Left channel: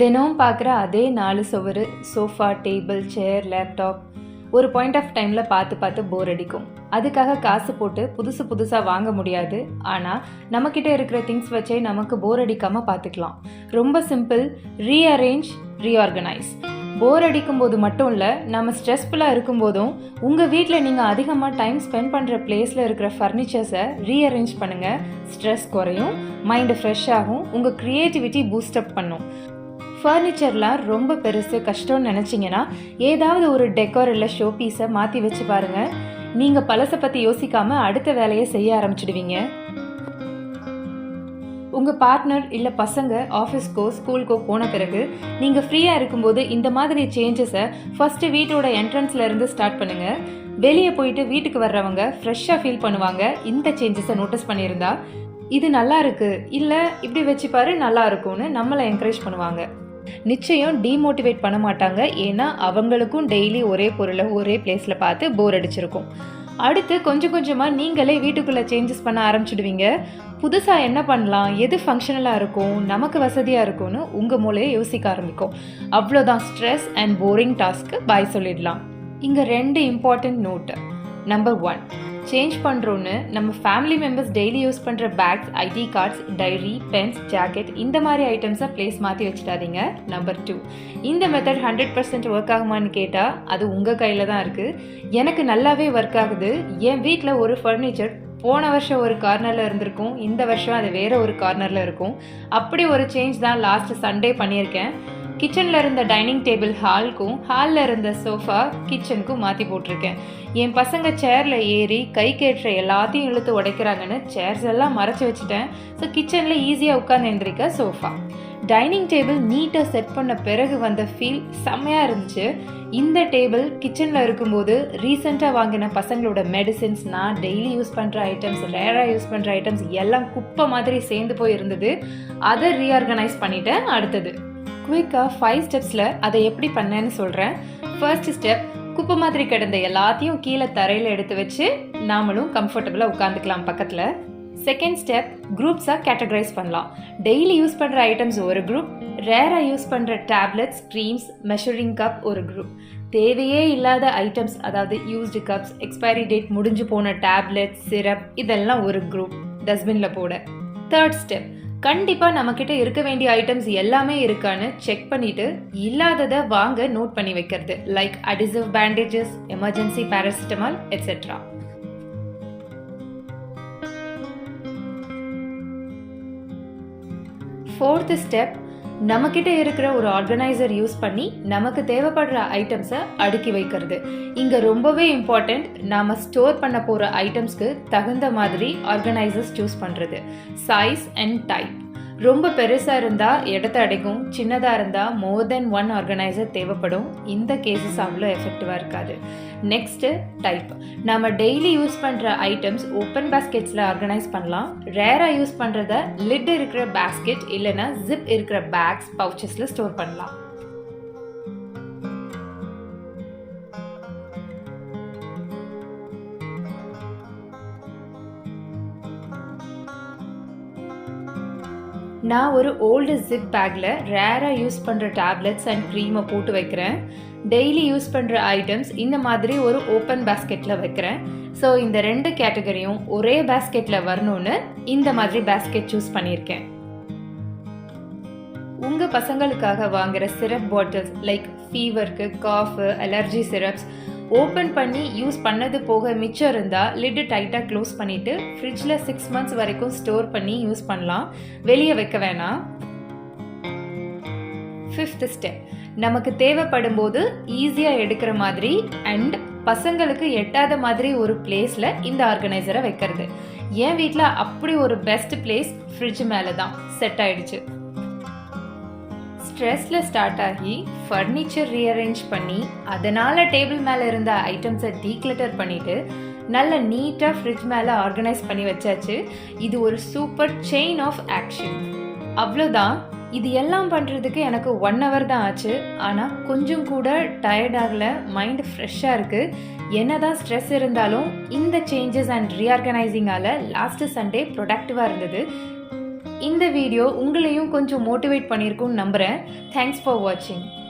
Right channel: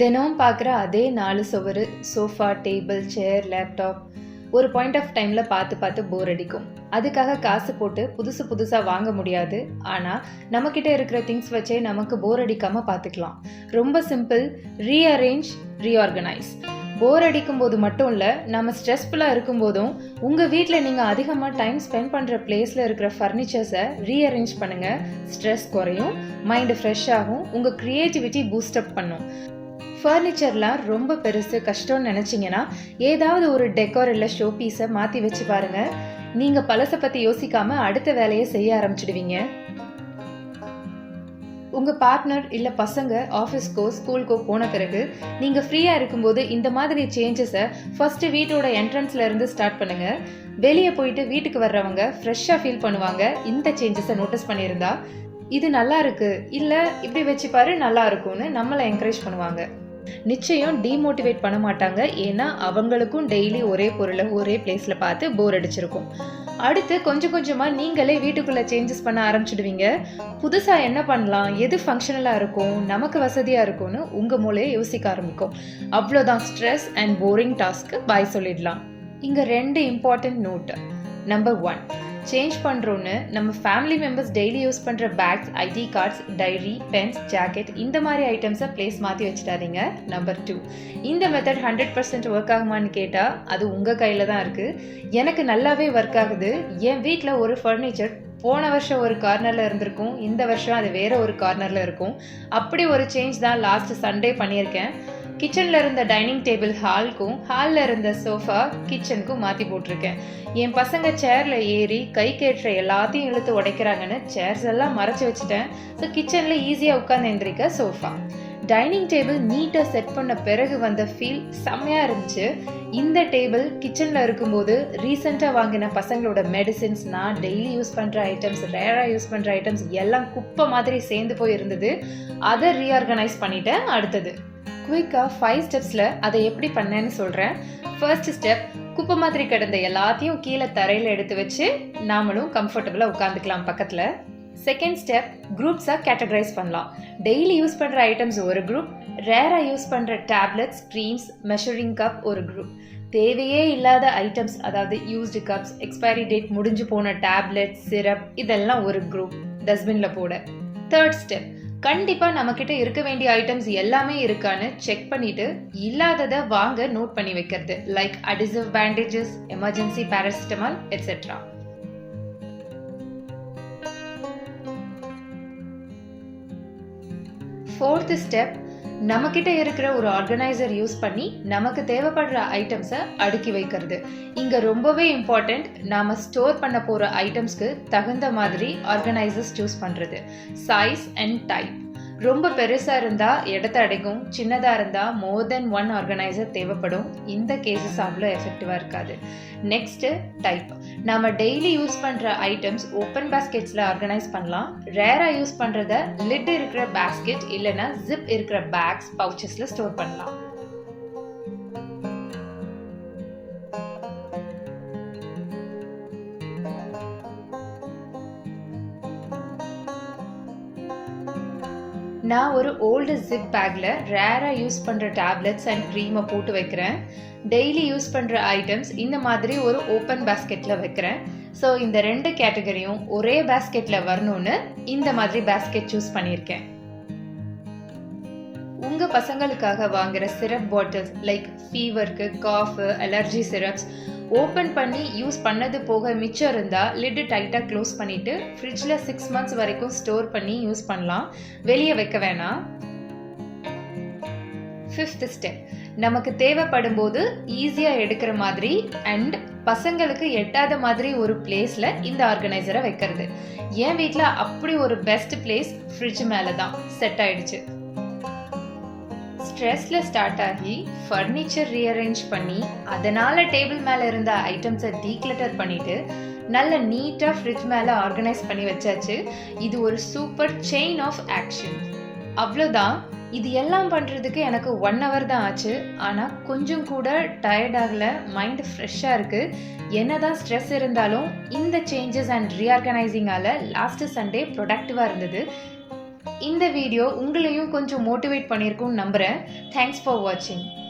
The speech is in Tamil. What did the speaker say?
தினமும் பார்க்குற அதே 4 சுவரு, சோஃபா, டேபிள், சேர், லேப்டாப் ஒரு பாயிண்ட் ஆஃப் டைமில் பார்த்து போர் அடிக்கும். அதுக்காக காசு போட்டு புதுசாக வாங்க முடியாது. ஆனால் நம்மக்கிட்ட இருக்கிற திங்ஸ் வச்சே நமக்கு போர் அடிக்காமல் பார்த்துக்கலாம். ரொம்ப சிம்பிள். Rearrange, reorganise. போர் அடிக்கும் போது மட்டும் இல்லை, நம்ம ஸ்ட்ரெஸ்ஃபுல்லாக இருக்கும்போதும் உங்கள் வீட்டில் நீங்கள் அதிகமாக டைம் ஸ்பெண்ட் பண்ணுற பிளேஸில் இருக்கிற ஃபர்னிச்சர்ஸை ரீஅரேஞ்ச் பண்ணுங்கள். ஸ்ட்ரெஸ் குறையும், மைண்டு ஃப்ரெஷ் ஆகும், உங்கள் க்ரியேட்டிவிட்டி பூஸ்டப் பண்ணும். ஃபர்னிச்சர்லாம் ரொம்ப பெருசு கஷ்டம்னு நினச்சிங்கன்னா ஏதாவது ஒரு டெக்கோர் இல்லை ஷோ பீஸை மாற்றி வச்சு பாருங்கள். நீங்கள் பழசை பற்றி யோசிக்காமல் அடுத்த வேலையை செய்ய ஆரம்பிச்சிடுவீங்க. உங்கள் பார்ட்னர் இல்லை பசங்க ஆஃபீஸ்க்கோ ஸ்கூலுக்கோ போன பிறகு நீங்கள் ஃப்ரீயாக இருக்கும்போது இந்த மாதிரி சேஞ்சஸை ஃபஸ்ட்டு வீட்டோட என்ட்ரன்ஸில் இருந்து ஸ்டார்ட் பண்ணுங்கள். வெளியே போயிட்டு வீட்டுக்கு வர்றவங்க ஃப்ரெஷ்ஷாக ஃபீல் பண்ணுவாங்க. இந்த சேஞ்சஸை நோட்டீஸ் பண்ணியிருந்தா இது நல்லா இருக்கு, இல்லை இப்படி வச்சு பாரு நல்லா இருக்கும்னு நம்மளை என்கரேஜ் பண்ணுவாங்க. நிச்சயம் டீமோட்டிவேட் பண்ண மாட்டாங்க. ஏன்னா அவங்களுக்கும் டெய்லி ஒரே பொருளை ஒரே பிளேஸில் பார்த்து போர் அடிச்சிருக்கும். அடுத்து கொஞ்சம் கொஞ்சமாக நீங்களே வீட்டுக்குள்ளே சேஞ்சஸ் பண்ண ஆரம்பிச்சிடுவீங்க. புதுசாக என்ன பண்ணலாம், எது ஃபங்க்ஷனலாக இருக்கும், நமக்கு வசதியாக இருக்கும்னு உங்கள் மூளையை யோசிக்க ஆரம்பிக்கும். அவ்வளோதான், ஸ்ட்ரெஸ் அண்ட் போரிங் டாஸ்க்கு பாய் சொல்லிடலாம். இங்கே 2 இம்பார்ட்டன்ட் நோட்டு. நம்பர் 1, சேஞ்ச் பண்ணுறோன்னு நம்ம ஃபேமிலி மெம்பர்ஸ் டெய்லி யூஸ் பண்ணுற bags, ID cards, diary, pens, jacket இந்த மாதிரி ஐட்டம்ஸை பிளேஸ் மாற்றி வச்சுட்டாதீங்க. நம்பர் 2, இந்த மெத்தட் 100% ஒர்க் ஆகுமான்னு கேட்டால் அது உங்கள் கையில் தான் இருக்குது. எனக்கு நல்லாவே ஒர்க் ஆகுது. என் வீட்டில் ஒரு ஃபர்னிச்சர் போன வருஷம் ஒரு கார்னரில் இருந்திருக்கும், இந்த வருஷம் அது வேறு ஒரு கார்னரில் இருக்கும். அப்படி ஒரு சேஞ்ச் தான் லாஸ்ட் சண்டே பண்ணியிருக்கேன். கிச்சனில் இருந்த டைனிங் டேபிள் ஹாலுக்கும், ஹாலில் இருந்த சோஃபா கிச்சனுக்கும் மாற்றி போட்டிருக்கேன். என் பசங்க சேரில் ஏறி கை கேட்டுற எல்லாத்தையும் இழுத்து உடைக்கிறாங்கன்னு சேர்ஸ் எல்லாம் மறைச்சி வச்சுட்டேன். ஸோ கிச்சனில் ஈஸியாக உட்காந்து எந்திரிக்க சோஃபா. டைனிங் டேபிள் நீட்டாக செட் பண்ண பிறகு வந்த ஃபீல் செம்மையாக இருந்துச்சு. இந்த டேபிள் கிச்சனில் இருக்கும்போது ரீசெண்டாக வாங்கின பசங்களோட மெடிசின்ஸ், நான் டெய்லி யூஸ் பண்ணுற ஐட்டம்ஸ், ரேராக யூஸ் பண்ணுற ஐட்டம்ஸ் எல்லாம் குப்பை மாதிரி சேர்ந்து போய் இருந்தது. அதை ரீஆர்கனைஸ் பண்ணிட்டேன். அடுத்தது குயிக்காக 5 ஸ்டெப்ஸில் அதை எப்படி பண்ணேன்னு சொல்கிறேன். ஃபர்ஸ்ட் ஸ்டெப், குப்பை மாதிரி கிடந்த எல்லாத்தையும் கீழே தரையில் எடுத்து வச்சு நாமளும் கம்ஃபர்டபுளாக உட்காந்துக்கலாம் பக்கத்தில். செகண்ட் ஸ்டெப், குரூப்ஸாக கேட்டகரைஸ் பண்ணலாம். டெய்லி யூஸ் பண்ணுற ஐட்டம்ஸ் ஒரு குரூப், ரேராக யூஸ் பண்ணுற டேப்லெட்ஸ், க்ரீம்ஸ், மெஷரிங் கப் ஒரு குரூப், தேவையே இல்லாத ஐட்டம்ஸ் அதாவது யூஸ்டு கப்ஸ், எக்ஸ்பைரி டேட் முடிஞ்சு போன டேப்லெட்ஸ், சிரப் இதெல்லாம் ஒரு குரூப் டஸ்ட்பினில் போட. தேர்ட் ஸ்டெப், கண்டிப்பாக நம்மக்கிட்ட இருக்க வேண்டிய ஐட்டம்ஸ் எல்லாமே இருக்கான்னு செக் பண்ணிட்டு இல்லாததை வாங்க நோட் பண்ணி வைக்கிறது. Like adhesive bandages, emergency paracetamol etcetera. Fourth step, நம்மக்கிட்ட இருக்கிற ஒரு ஆர்கனைசர் யூஸ் பண்ணி நமக்கு தேவைப்படுற ஐட்டம்ஸை அடுக்கி வைக்கிறது. இங்கே ரொம்பவே இம்பார்ட்டண்ட், நாம் ஸ்டோர் பண்ண போகிற ஐட்டம்ஸ்க்கு தகுந்த மாதிரி ஆர்கனைசர்ஸ் சூஸ் பண்ணுறது. Size and type. ரொம்ப பெருசாக இருந்தால் இடத்த அடைக்கும், சின்னதாக இருந்தால் மோர் தென் 1 ஆர்கனைசர் தேவைப்படும். இந்த கேசஸ் அவ்வளோ எஃபெக்டிவாக இருக்காது. Next type. நம்ம டெய்லி யூஸ் பண்ணுற ஐட்டம்ஸ் ஓப்பன் பேஸ்கெட்ஸில் ஆர்கனைஸ் பண்ணலாம். ரேராக யூஸ் பண்ணுறத லிட் இருக்கிற பேஸ்கெட் இல்லைன்னா ஜிப் இருக்கிற பேக்ஸ், பவுச்சஸில் ஸ்டோர் பண்ணலாம். நான் ஒரு ஓல்டு ஜிப் பேக்கில் ரேராக யூஸ் பண்ணுற டேப்லெட்ஸ் அண்ட் க்ரீமை போட்டு வைக்கிறேன். டெய்லி யூஸ் பண்ணுற ஐட்டம்ஸ் இந்த மாதிரி ஒரு ஓப்பன் பேஸ்கெட்டில் வைக்கிறேன். ஸோ இந்த 2 கேட்டகரியும் ஒரே பேஸ்கெட்டில் வரணும்னு இந்த மாதிரி பேஸ்கெட் சூஸ் பண்ணியிருக்கேன். உங்கள் பசங்களுக்காக வாங்குகிற சிரப் பாட்டில்ஸ் லைக் ஃபீவருக்கு, காஃபு, அலர்ஜி சிரப்ஸ் ஓப்பன் பண்ணி யூஸ் பண்ணது போக மிச்சம் இருந்தால் லிட்டு டைட்டாக க்ளோஸ் பண்ணிவிட்டு ஃப்ரிட்ஜில் 6 months வரைக்கும் ஸ்டோர் பண்ணி யூஸ் பண்ணலாம். வெளியே வைக்க வேணாம். 5th ஸ்டெப், நமக்கு தேவைப்படும் போது ஈஸியாக எடுக்கிற மாதிரி அண்ட் பசங்களுக்கு எட்டாத மாதிரி ஒரு பிளேஸில் இந்த ஆர்கனைசரை வைக்கிறது. என் வீட்டில் அப்படி ஒரு பெஸ்ட் பிளேஸ் ஃப்ரிட்ஜ் மேலே தான் செட் ஆயிடுச்சு. ஸ்ட்ரெஸ்ல ஸ்டார்ட் ஆகி ஃபர்னிச்சர் ரீஅரேஞ்ச் பண்ணி அதனால டேபிள் மேலே இருந்த ஐட்டம்ஸை டீக்ளட்டர் பண்ணிட்டு நல்ல நீட்டாக ஃப்ரிட்ஜ் மேலே ஆர்கனைஸ் பண்ணி வச்சாச்சு. இது ஒரு சூப்பர் செயின் ஆஃப் ஆக்ஷன். அவ்வளோதான். இது எல்லாம் பண்ணுறதுக்கு எனக்கு 1 hour தான் ஆச்சு. ஆனால் கொஞ்சம் கூட டயர்ட் ஆகலை, மைண்ட் ஃப்ரெஷ்ஷாக இருக்குது. என்னதான் ஸ்ட்ரெஸ் இருந்தாலும் இந்த சேஞ்சஸ் அண்ட் ரீஆர்கனைசிங்கால் லாஸ்ட் சண்டே ப்ரொடக்டிவாக இருந்தது. இந்த வீடியோ உங்களையும் கொஞ்சம் மோட்டிவேட் பண்ணியிருக்கும்னு நம்புகிறேன். தேங்க்ஸ் ஃபார் வாட்சிங்.